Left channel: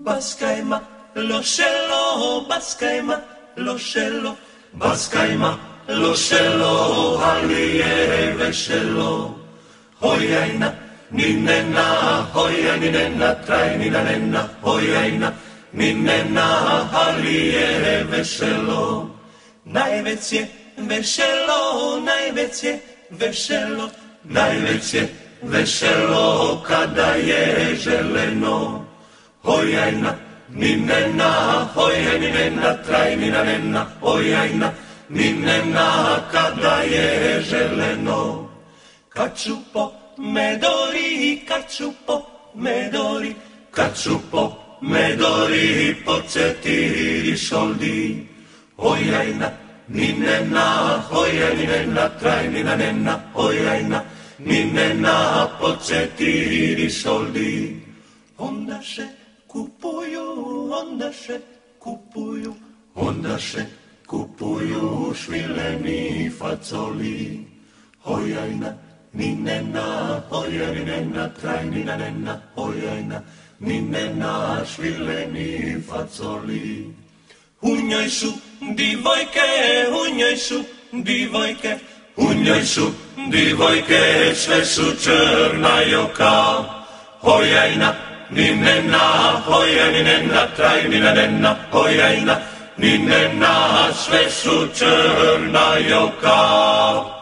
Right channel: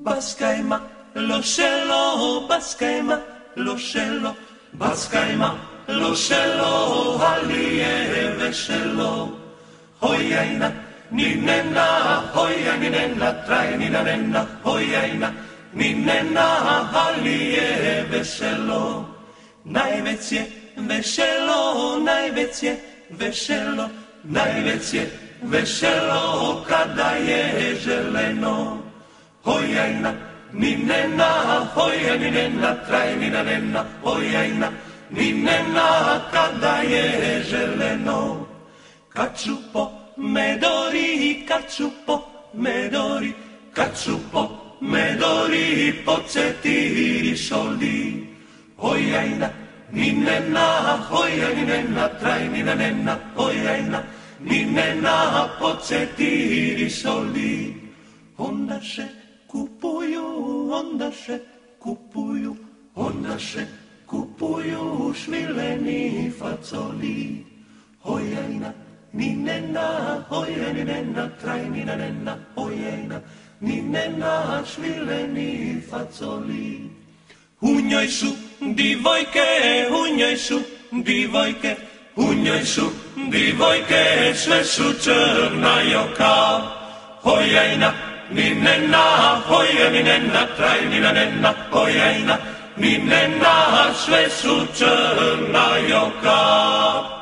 Bascaima, lo scello, Bascaima, lo scello, Bascaima, lo scello, halie vescello. Hojaina, ninenna, hoja ninenna, trai ninenna, hojaina, ninenna, halie vescello. Najveće veselo, najveće veselo, najveće veselo kada je želeno. Hojajna, ninena, hoja ninena, traj ninena, hojajna, ninena, kada je želeno. Kačupo, medori, kačupo, medori, kačupo, medori, podsjeti šoldi. Hojajna, ninena, hoja ninena, traj ninena, hojajna, ninena, podsjeti šoldi. Ondaše kupuju, ondaše kupuju, ondaše kupuju švileni facoli. Hojajna, ninena, hoja ninena, traj ninena, hojajna, ninena, švileni facoli. U njoj su divojke, u njoj su divojke, u njoj su divojke, sve su crna joka. Hojajna, ninena, hoja ninena, traj ninena, hojajna, ninena, sve su crna joka.